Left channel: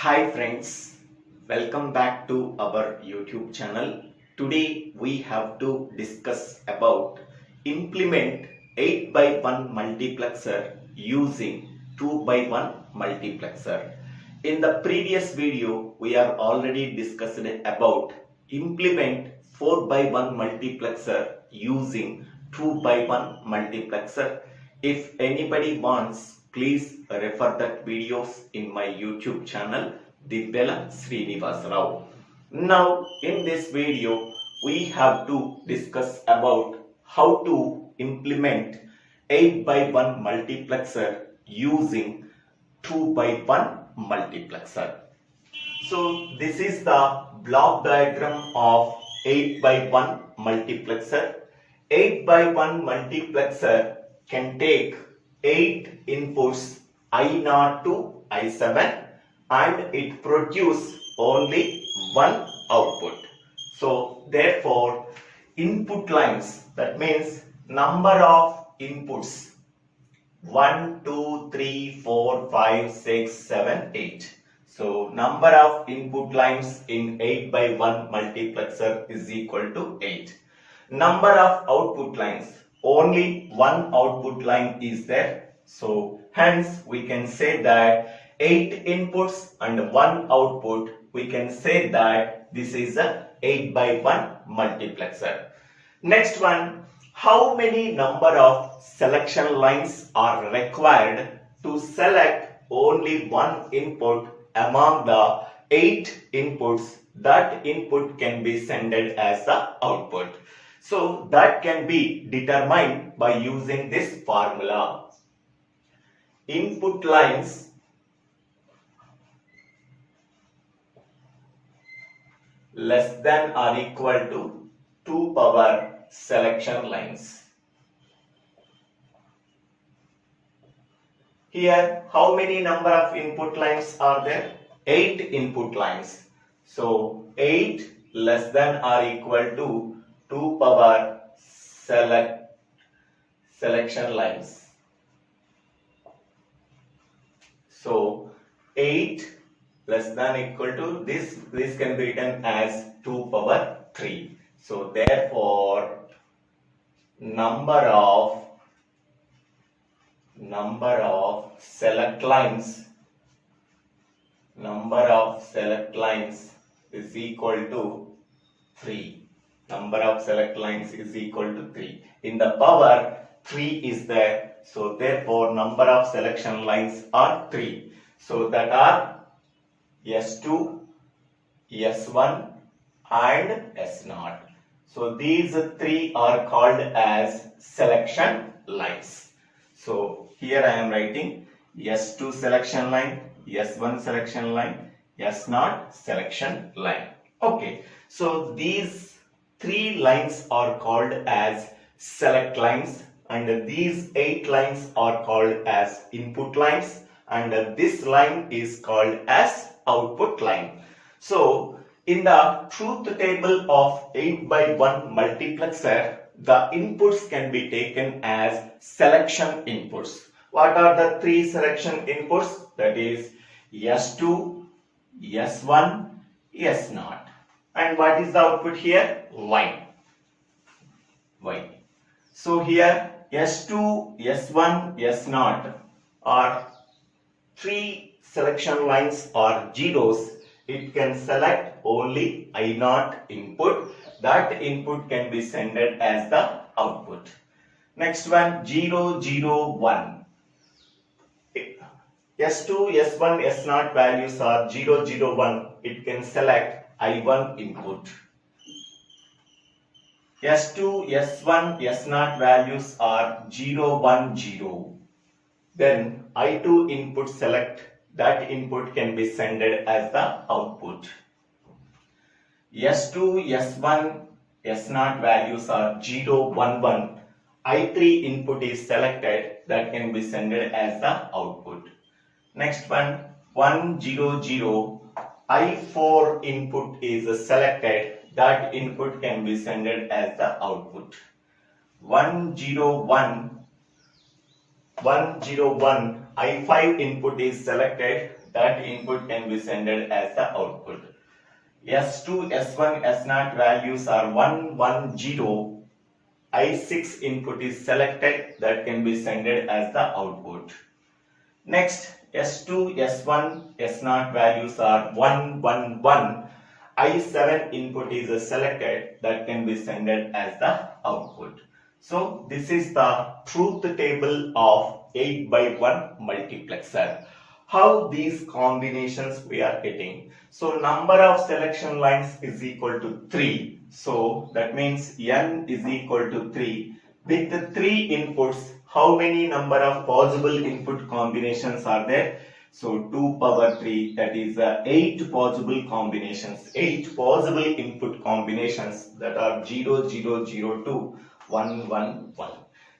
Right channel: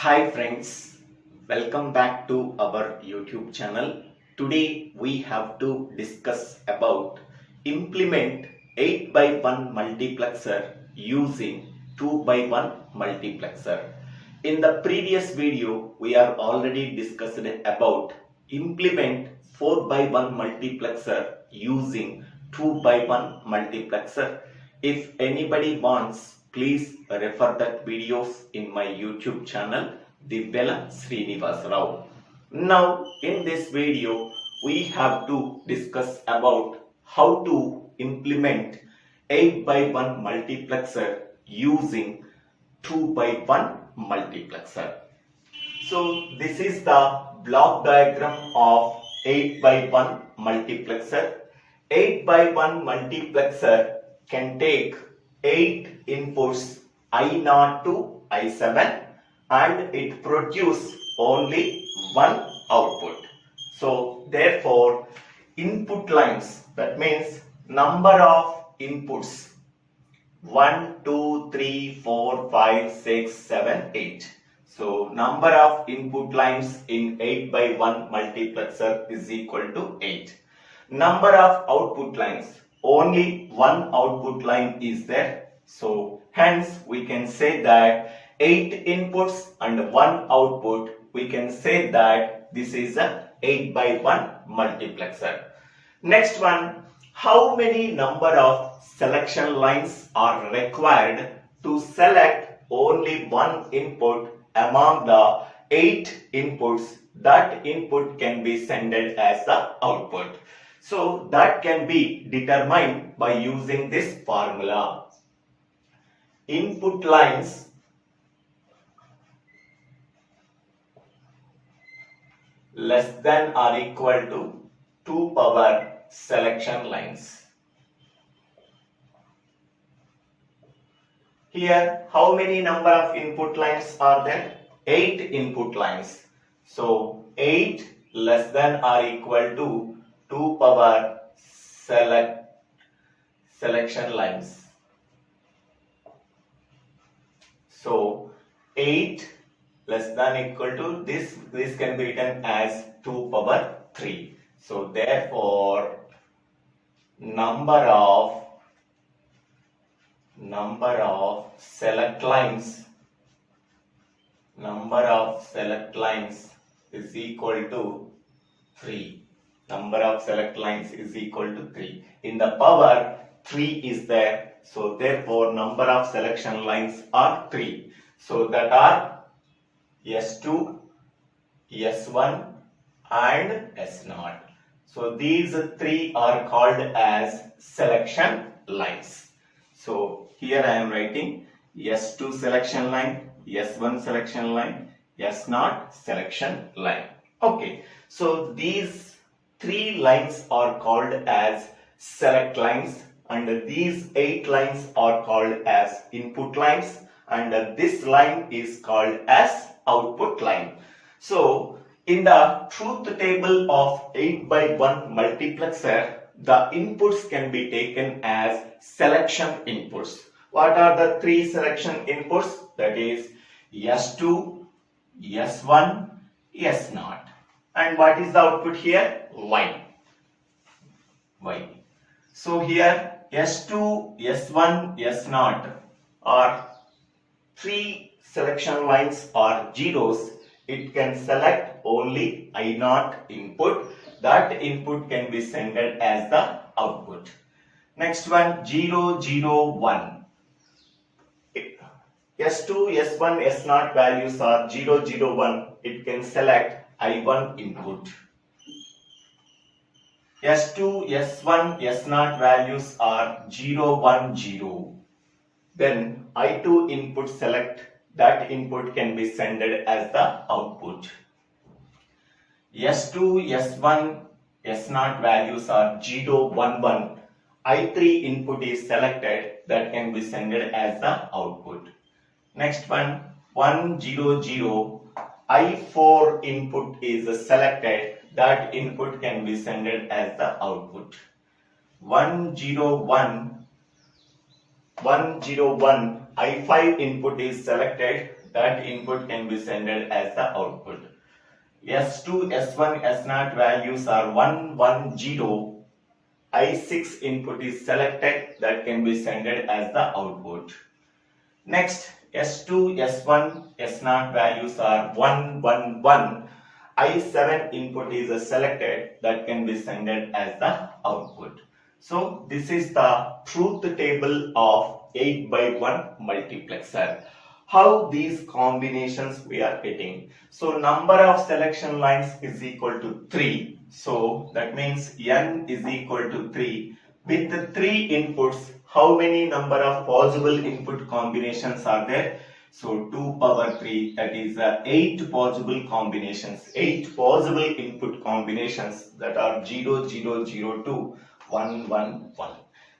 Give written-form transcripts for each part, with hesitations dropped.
Hi friends, welcome back to our YouTube channel. Today we have to discuss about implement 8 by 1 multiplexer using 2 by 1 multiplexer. In the previous video we are already discussed about implement 4 by 1 multiplexer using 2 by 1 multiplexer. If anybody wants, please refer that videos in my YouTube channel DIVVELA SRINIVASA. Now in this video we have to discuss about how to implement 8 by 1 multiplexer using 2 by 1 multiplexer. So this is the block diagram of 8 by 1 multiplexer. 8 by 1 multiplexer can take 8 inputs I0 to I7 and it produces only one output. So therefore input lines, that means number of inputs 1, 2, 3, 4, 5, 6, 7, 8. So number of input lines in 8 by 1 multiplexer is equal to 8. Number of output lines, only one output line is there. So hence we can say that 8 inputs and 1 output, we can say that this is a 8 by 1 multiplexer. Next one, how many number of selection lines are required to select only one input among the 8 inputs? That input can be sent as the output. So that can be determined by using this formula. Input lines less than or equal to 2 power selection lines. Here, how many number of input lines are there? 8 input lines. So 8 less than or equal to 2 power selection lines. So 8 less than equal to this can be written as 2 power 3. So therefore number of select lines is equal to 3. Number of select lines is equal to 3. In the power 3 is there, so therefore number of selection lines are 3. So that are S2, S1 and S0. So these 3 are called as selection lines. So here I am writing S2 selection line, S1 selection line, S0 selection line. Okay, so these 3 lines are called as select lines and these 8 lines are called as input lines and this line is called as output line. So in the truth table of 8 by 1 multiplexer, the inputs can be taken as selection inputs. What are the 3 selection inputs? That is S2, S1, S0. And what is the output here? Y. So here S2, S1, S0 are 3 selection lines or zeros. It can select only I0 input. That input can be sent as the output. Next one, 0, 0, 1. S2, S1, S0 values are 0, 0, 1. It can select I1 input. S2, S1, S0 values are 0, 1, 0. Then I2 input select. That input can be sent as the output. S2, S1, S0 values are 0, 1, 1. I3 input is selected. That can be sent as the output. Next one, 1, 0, 0. I4 input is selected. That input can be sent as the output. 1, 0, 1. 1, 0, 1. I5 input is selected. that input can be sent as the output. S2, S1, S0 values are 1, 1, 0. I6 input is selected, that can be sent as the output. Next, S2, S1, S0 values are 1, 1, 1. I7 input is selected, that can be sent as the output. So this is the truth table of 8 by 1 multiplexer. How these combinations we are getting? So number of selection lines is equal to 3. So that means n is equal to 3. With the 3 inputs, how many number of possible input combinations are there? So 2 power 3, that is 8 possible combinations, 8 possible input combinations, that are 0, 0, 0, 2, 1, 1, 1.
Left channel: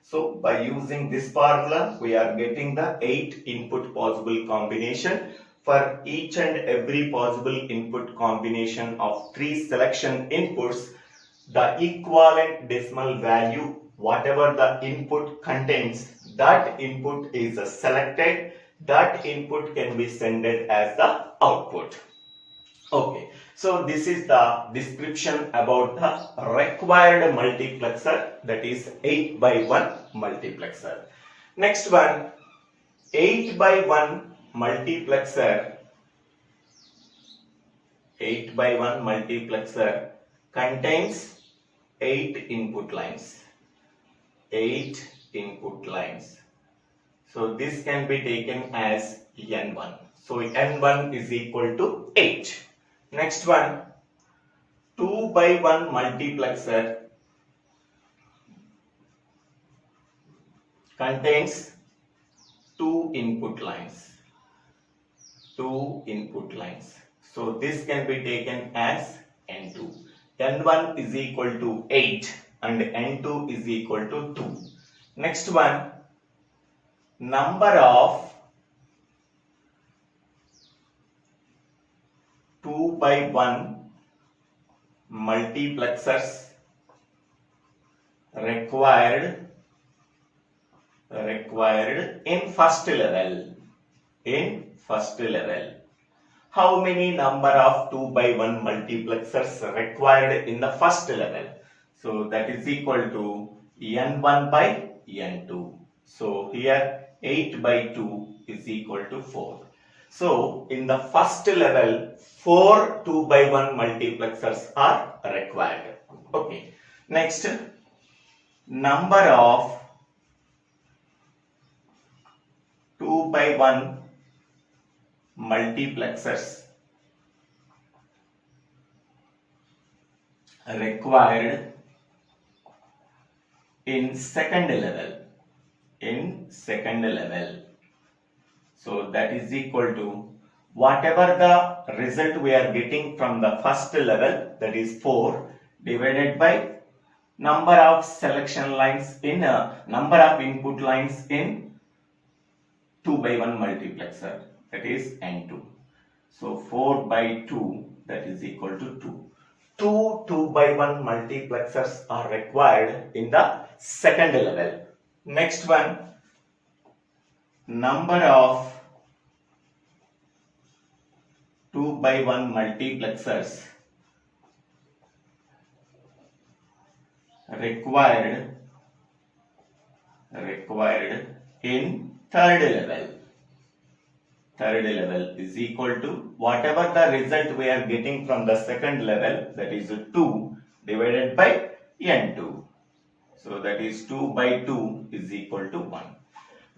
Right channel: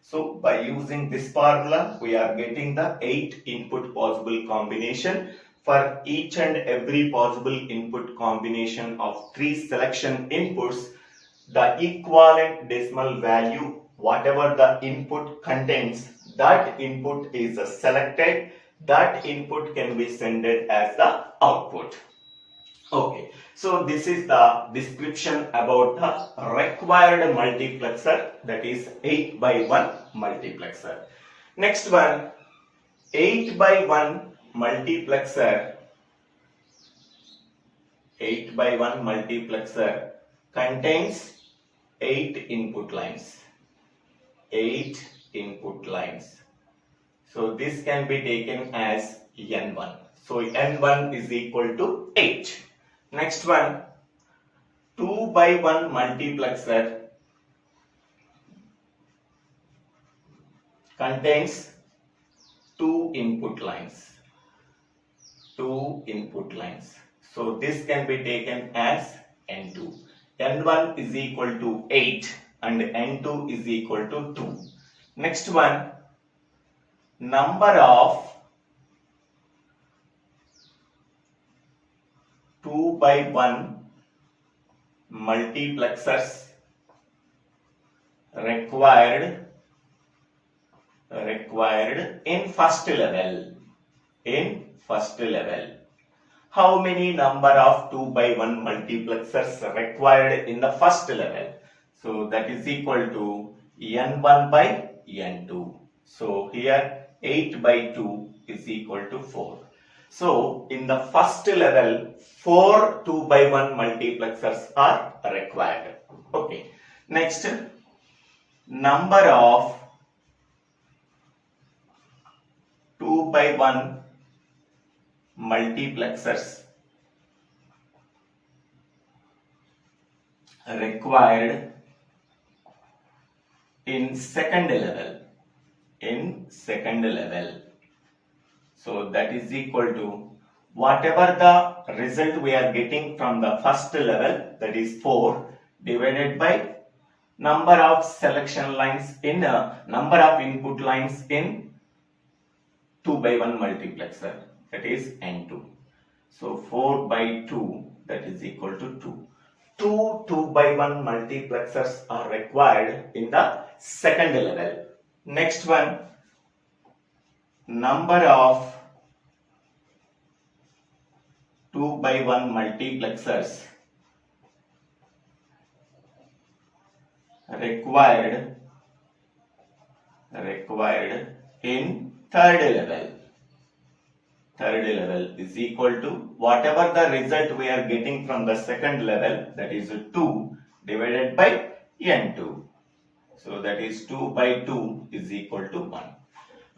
So by using this formula, we are getting the 8 input possible combination. For each and every possible input combination of 3 selection inputs, the equivalent decimal value, whatever the input contains, that input is selected, that input can be sent as the output. Okay, so this is the description about the required multiplexer, that is 8 by 1 multiplexer. Next one, 8 by 1 multiplexer. 8 by 1 multiplexer contains 8 input lines. 8 input lines. So this can be taken as N1. So N1 is equal to 8. Next one, 2 by 1 multiplexer contains 2 input lines. 2 input lines. So this can be taken as N2. N1 is equal to 8 and N2 is equal to 2. Next one, number of 2 by 1 multiplexers required in first level. In first level. How many number of 2 by 1 multiplexers required in the first level? So that is equal to N1 by N2. So here 8 by 2 is equal to 4. So in the first level, 4 2 by 1 multiplexers are required. Okay. Next, number of 2 by 1 multiplexers required in second level. In second level. So that is equal to whatever the result we are getting from the first level, that is 4, divided by number of selection lines in number of input lines in 2 by 1 multiplexer, that is N2. So 4 by 2, that is equal to 2. 2 by 1 multiplexers are required in the second level. Next one, number of 2 by 1 multiplexers required in third level. Third level is equal to whatever the result we are getting from the second level, that is 2 divided by N2. So that is 2 by 2 is equal to 1.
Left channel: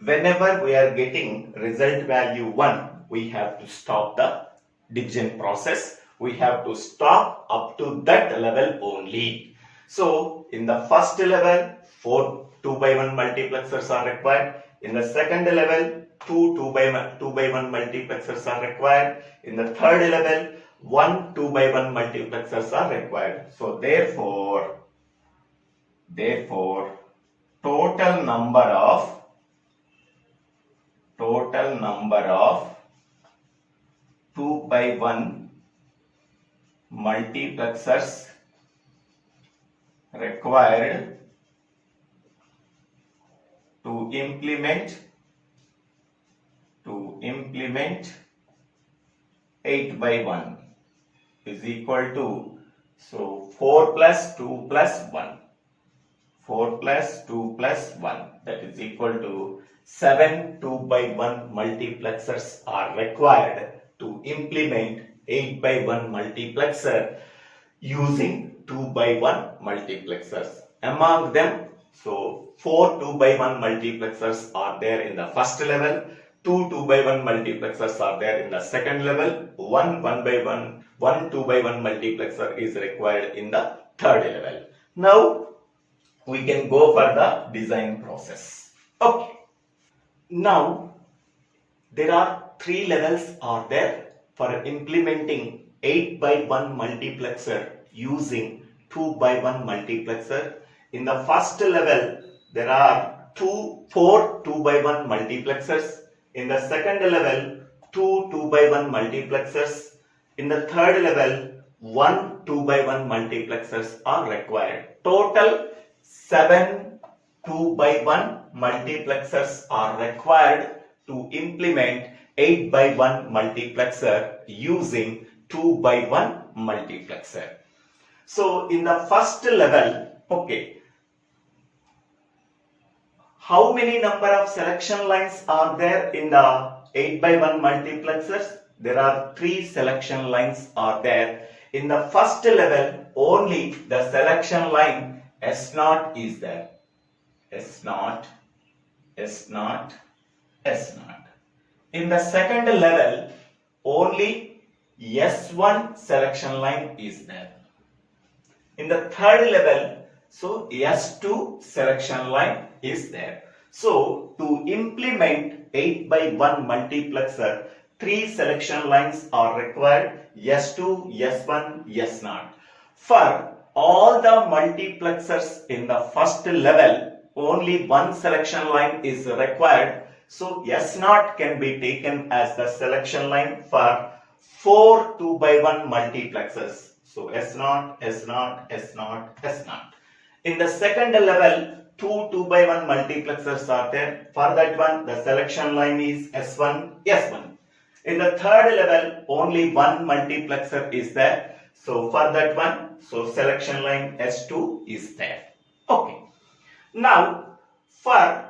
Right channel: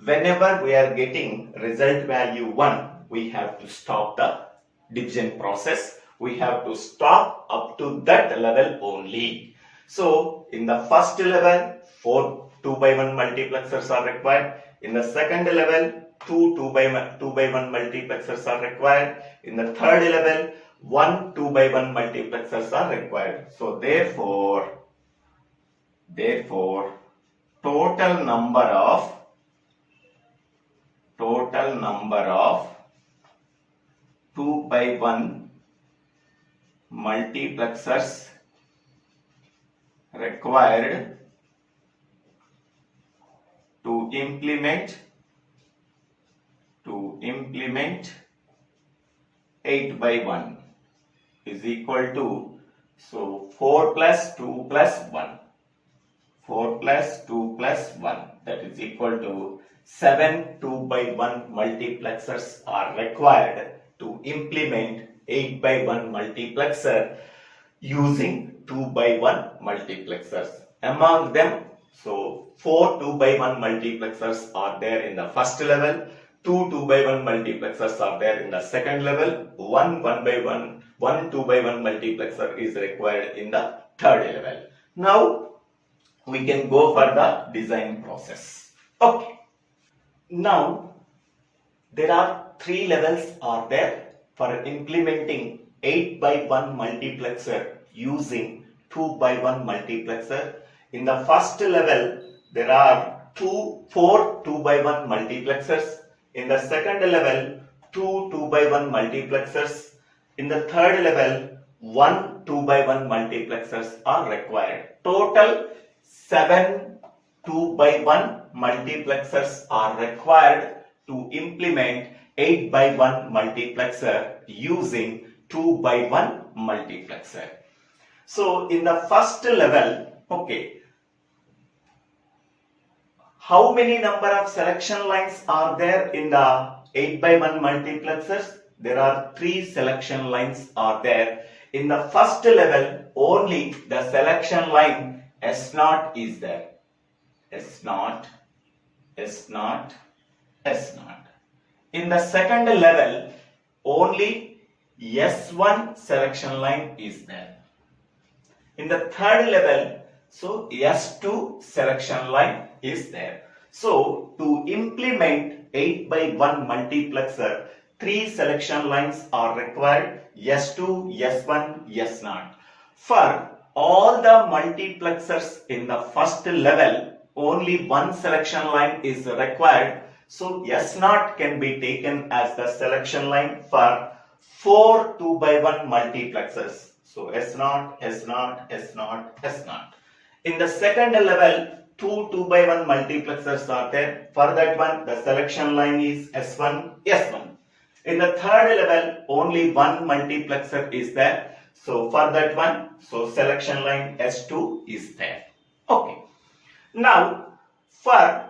Whenever we are getting result value 1, we have to stop the division process. We have to stop up to that level only. So in the first level, 4 2 by 1 multiplexers are required. In the second level, 2 by 1 multiplexers are required. In the third level, 1 2 by 1 multiplexers are required. So therefore total number of 2 by 1 multiplexers required to implement 8 by 1 is equal to, so 4 plus 2 plus 1. 4 plus 2 plus 1, that is equal to 7 2 by 1 multiplexers are required to implement 8 by 1 multiplexer using 2 by 1 multiplexers. Among them, so 4 2 by 1 multiplexers are there in the first level, 2 2 by 1 multiplexers are there in the second level, 1 2 by 1 multiplexer is required in the third level. Now we can go for the design process. Okay. Now there are three levels are there for implementing 8 by 1 multiplexer using 2 by 1 multiplexer. In the first level, there are 4 2 by 1 multiplexers. In the second level, 2 2 by 1 multiplexers. In the third level, 1 2 by 1 multiplexers are required. Total 7 2 by 1 multiplexers are required to implement 8 by 1 multiplexer using 2 by 1 multiplexer. So in the first level, okay, how many number of selection lines are there in the 8 by 1 multiplexers? There are 3 selection lines are there. In the first level, only the selection line S0 is there. S0, S0, S0. In the second level, only S1 selection line is there. In the third level, so S2 selection line is there. So to implement 8 by 1 multiplexer, 3 selection lines are required, S2, S1, S0. For all the multiplexers in the first level, only one selection line is required. So S0 can be taken as the selection line for 4 2 by 1 multiplexers. So S0, S0, S0, S0. In the second level, 2 2 by 1 multiplexers are there. For that one, the selection line is S1, S1. In the third level, only one multiplexer is there. So for that one, so selection line S2 is there. Okay. Now, for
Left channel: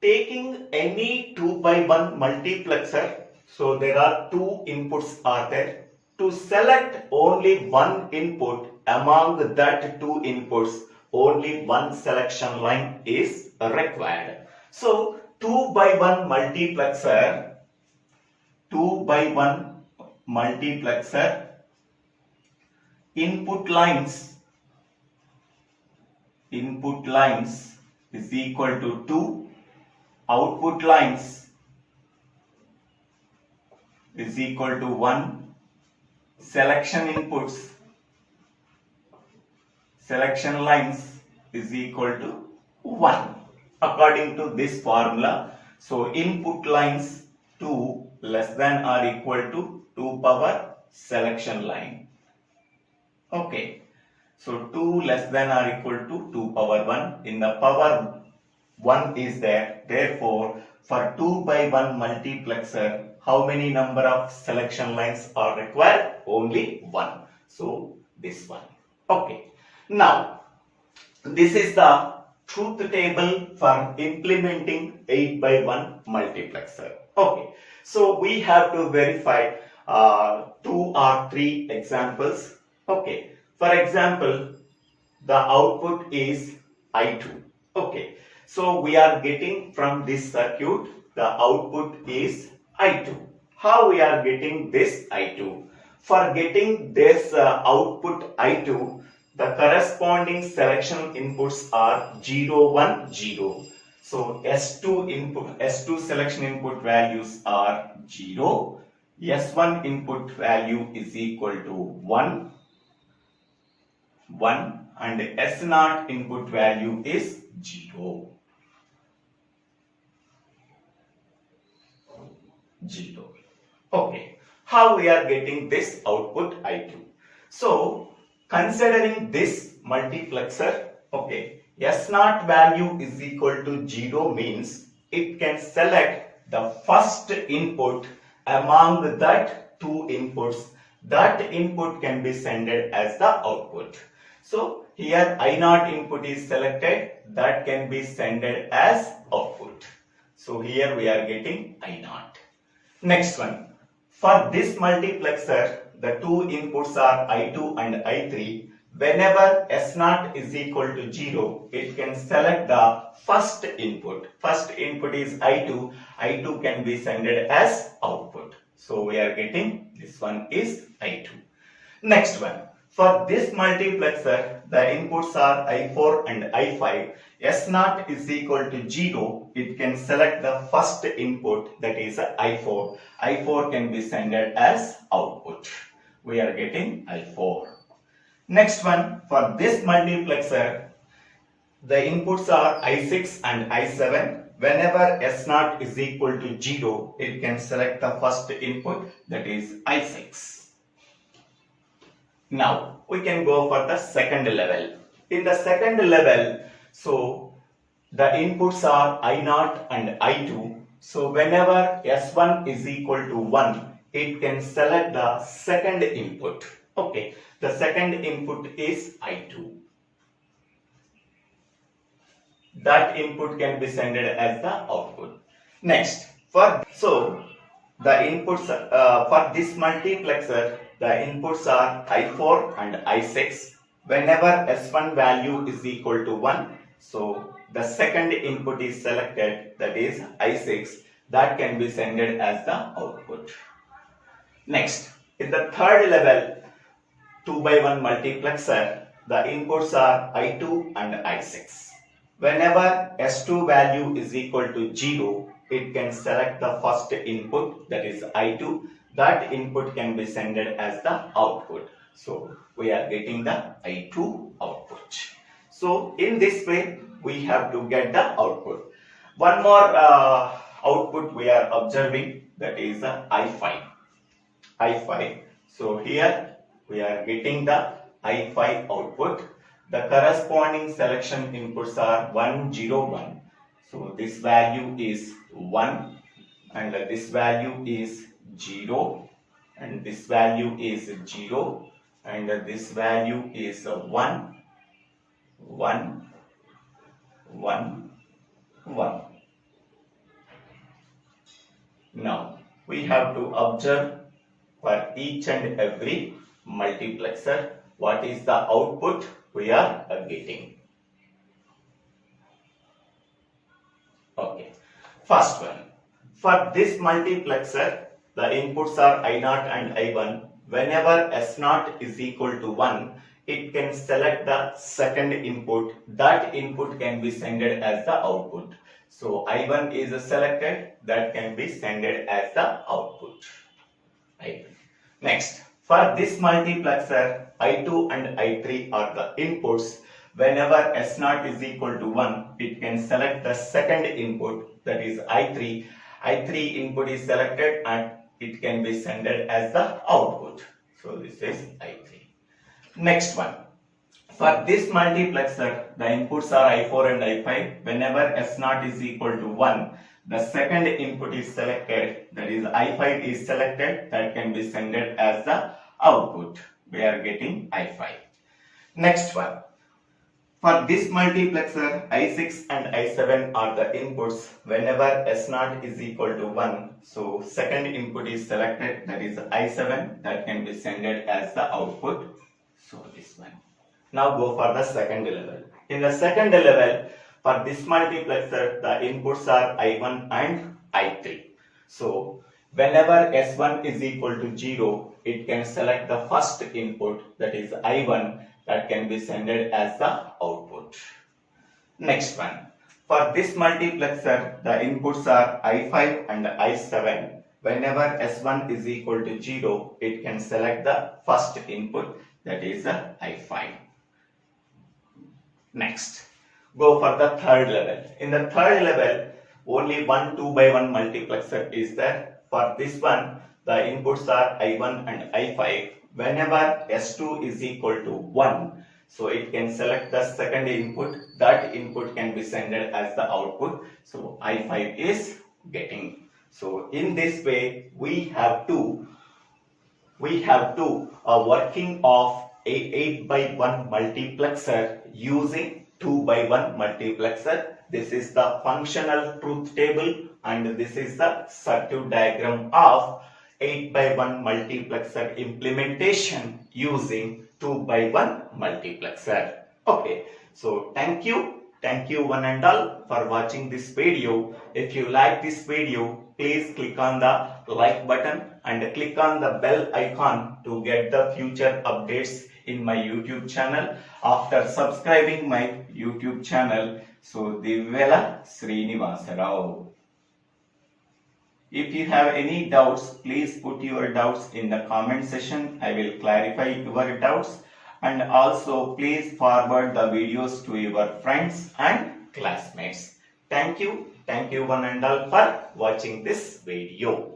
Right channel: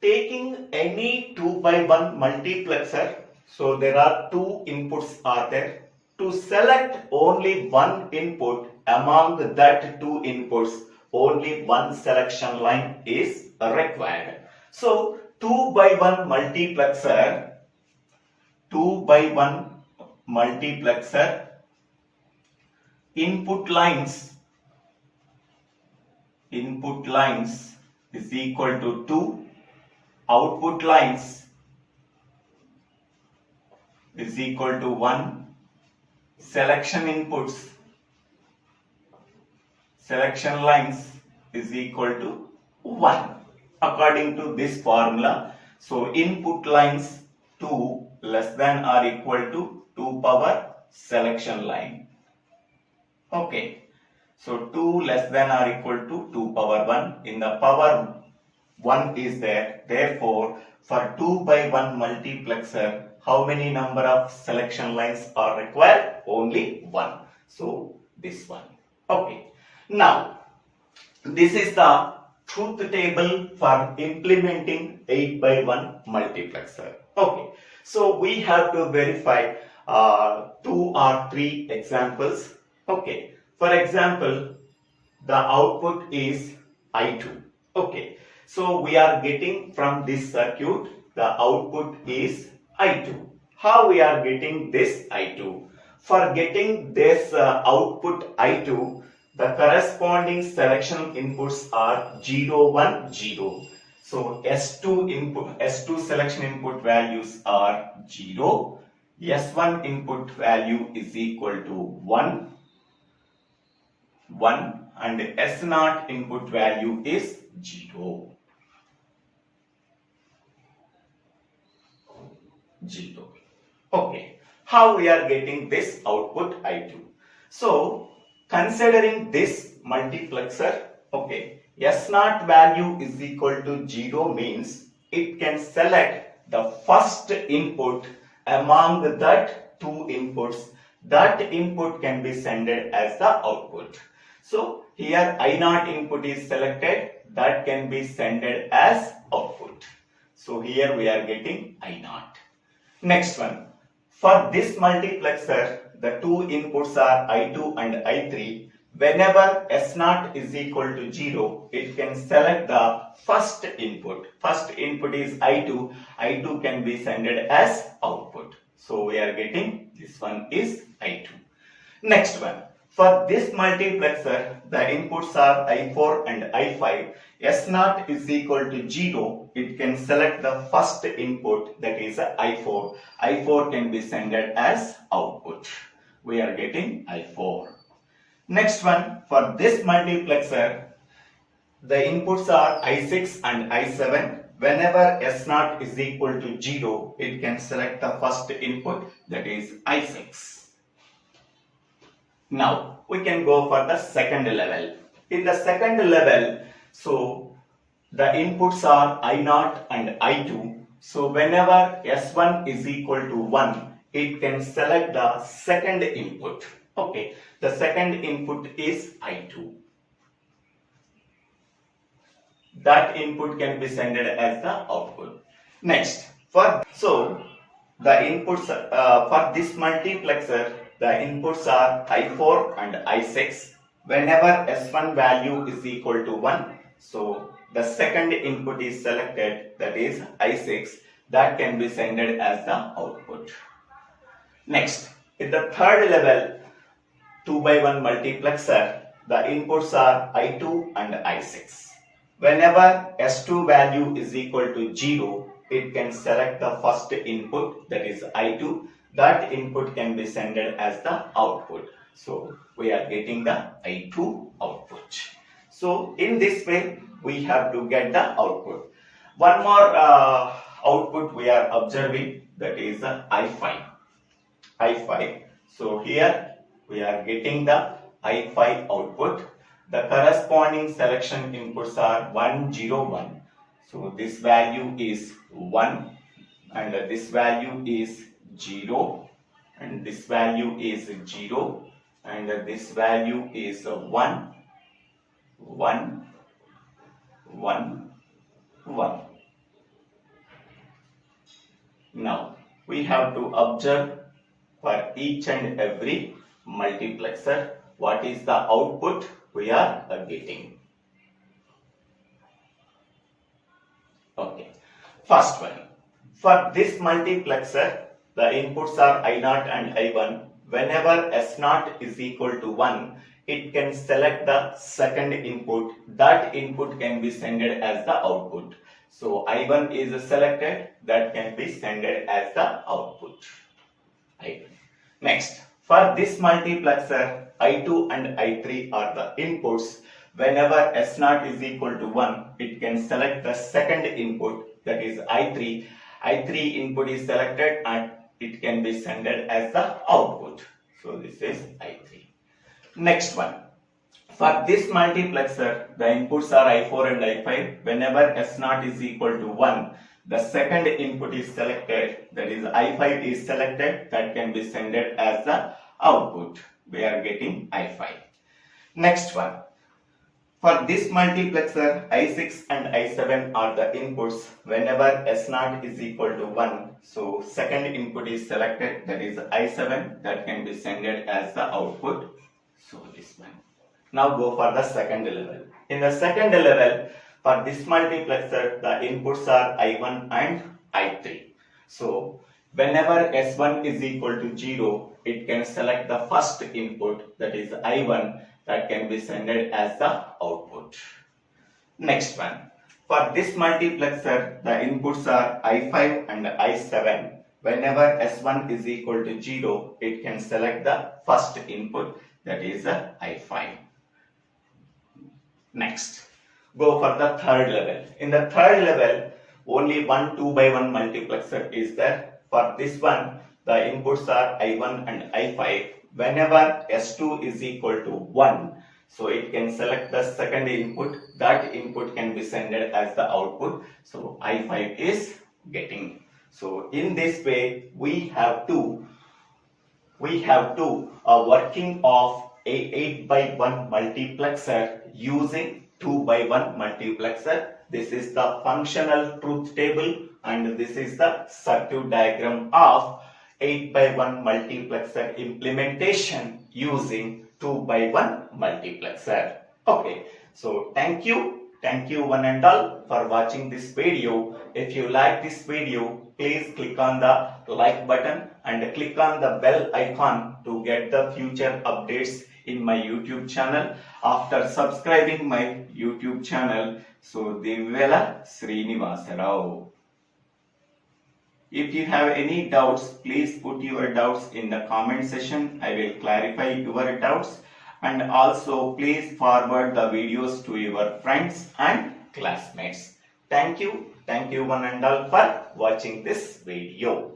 taking any 2 by 1 multiplexer, so there are 2 inputs are there. To select only one input among that 2 inputs, only one selection line is required. So 2 by 1 multiplexer, 2 by 1 multiplexer, input lines is equal to 2, output lines is equal to 1, selection lines is equal to 1 according to this formula. So input lines 2 less than or equal to 2 power selection line. Okay. So 2 less than or equal to 2 power 1. In the power 1 is there. Therefore, for 2 by 1 multiplexer, how many number of selection lines are required? Only 1. So this one. Okay. Now, this is the truth table for implementing 8 by 1 multiplexer. Okay. So we have to verify 2 or 3 examples. Okay. For example, the output is I2. Okay. So we are getting from this circuit, the output is I2. How we are getting this I2? For getting this output I2, the corresponding selection inputs are 0, 1, 0. So S2 selection input values are 0. S1 input value is equal to 1, and S0 input value is 0. Okay. How we are getting this output I2? So, considering this multiplexer, okay, S0 value is equal to 0 means it can select the first input among that two inputs, that input can be sent as the output. So here I0 input is selected, that can be sent as output. So here we are getting I0. Next one, for this multiplexer, the two inputs are I2 and I3. Whenever S0 is equal to 0, it can select the first input. First input is I2. I2 can be sent as output. So we are getting this one is I2. Next one, for this multiplexer, the inputs are I4 and I5. S0 is equal to 0. It can select the first input, that is I4. I4 can be sent as output. We are getting I4. Next one, for this multiplexer, the inputs are I6 and I7. Whenever S0 is equal to 0, it can select the first input, that is I6. Now, we can go for the second level. In the second level, so the inputs are I0 and I2. So whenever S1 is equal to 1, it can select the second input. Okay, the second input is I2. That input can be sent as the output. Next, so the inputs for this multiplexer, the inputs are I4 and I6. Whenever S1 value is equal to 1, so the second input is selected, that is I6, that can be sent as the output. Next, in the third level, 2x1 multiplexer, the inputs are I2 and I6. Whenever S2 value is equal to 0, it can select the first input, that is I2. That input can be sent as the output. So we are getting the I2 output. So in this way, we have to get the output. One more output we are observing, that is I5. I5. So here we are getting the I5 output. The corresponding selection inputs are 1, 0, 1. So this value is 1 and this value is 0 and this value is 0 and this value is 1, 1, 1, 1. Now we have to observe for each and every multiplexer what is the output we are getting. Okay, first one, for this multiplexer, the inputs are I0 and I1. Whenever S0 is equal to 1, it can select the second input. That input can be sent as the output. So I1 is selected, that can be sent as the output. I1. Next, for this multiplexer, I2 and I3 are the inputs. Whenever S0 is equal to 1, it can select the second input, that is I3. I3 input is selected and it can be sent as the output. So this is I3. Next one. For this multiplexer, the inputs are I4 and I5. Whenever S0 is equal to 1, the second input is selected, that is I5 is selected, that can be sent as the output. We are getting I5. Next one. For this multiplexer, I6 and I7 are the inputs. Whenever S0 is equal to 1, so second input is selected, that is I7, that can be sent as the output. So this one. Now go for the second level. In the second level, for this multiplexer, the inputs are I1 and I3. So whenever S1 is equal to 0, it can select the first input, that is I1, that can be sent as the output. Next one. For this multiplexer, the inputs are I5 and I7. Whenever S1 is equal to 0, it can select the first input, that is I5. Next, go for the third level. In the third level, only one 2x1 multiplexer is there. For this one, the inputs are I1 and I5. Whenever S2 is equal to 1, so it can select the second input. That input can be sent as the output. So I5 is getting. So in this way, we have to working of a 8 by 1 multiplexer using 2 by 1 multiplexer. This is the functional truth table and this is the circuit diagram of 8 by 1 multiplexer implementation using 2 by 1 multiplexer. Okay, so thank you one and all for watching this video. If you like this video, please click on the like button and click on the bell icon to get the future updates in my YouTube channel. After subscribing my YouTube channel, so DIVVELA SRINIVASA. If you have any doubts, please put your doubts in the comment section. I will clarify your doubts. And also please forward the videos to your friends and classmates. Thank you one and all for watching this video.